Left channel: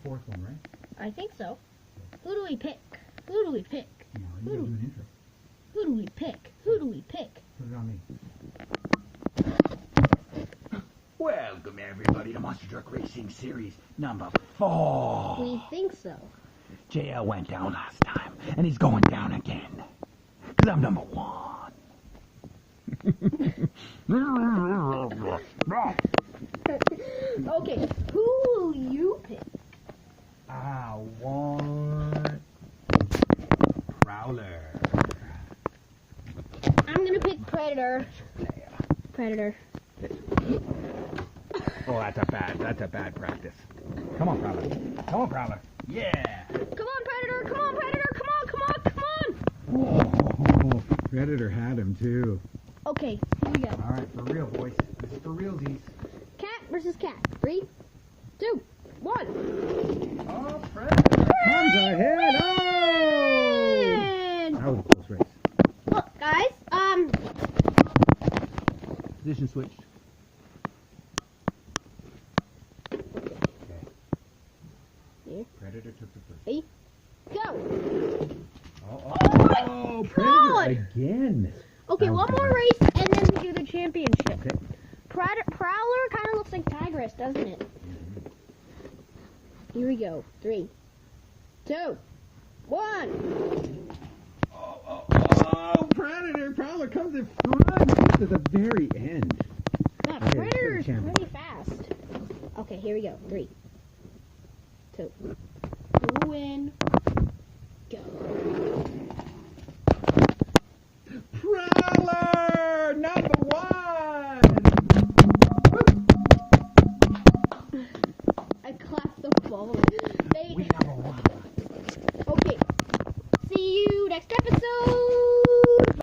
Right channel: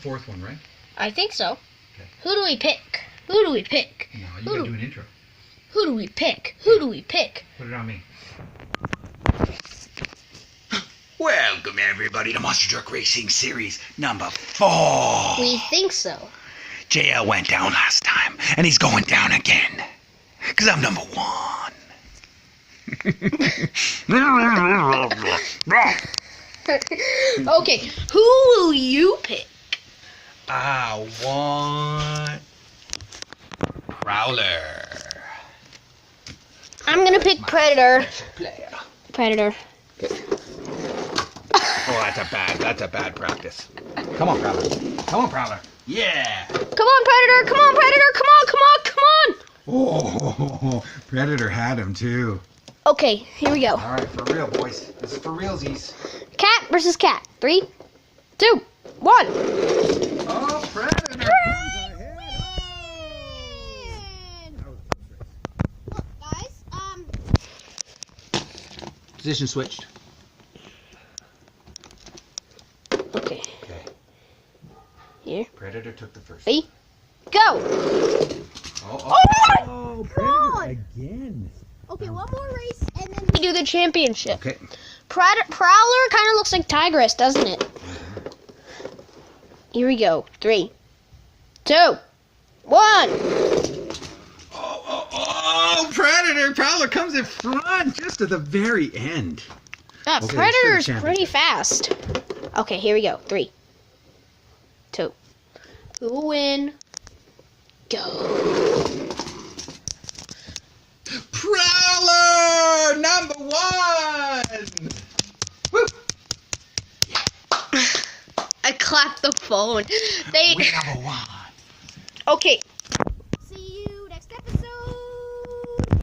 fourth one, right? I think so. Okay. Who do we pick? Who do we pick? No, you gotta do an intro. Who do we pick? Who do we pick? Put it on me. Welcome everybody to Monster Truck Racing Series number 4. We think so. JL went down last time, and he's going down again. Because I'm number 1. Okay, who will you pick? I want Prowler. I'm gonna pick Predator. Predator. Oh, that's a bad practice. Come on, Prowler. Come on, Prowler. Yeah. Come on, Predator. Come on, Predator. Come on, come on, come on. Oh, Predator had him too. Okay, here we go. All right, for real, boys. This is for realsies. Cat versus cat. 3, 2, 1. Oh, Predator comes ahead. Oh! That was a close race. Look, guys. Position switched. Okay. Okay. Here. Predator took the first. Ready? Go. Oh, God. Predator again. Okay, one more race, and then we do the championship. Okay. Prowler kind of looks like Tigress, doesn't it? Here we go. 3, 2, 1. Oh, Predator! Prowler comes in front just at the very end. Yeah, Okay, Predator's sure, pretty fast. Okay, here we go. 3, 2. Who will win? Go. Prowler! Number 1! Woo! I clapped the phone. We number 1.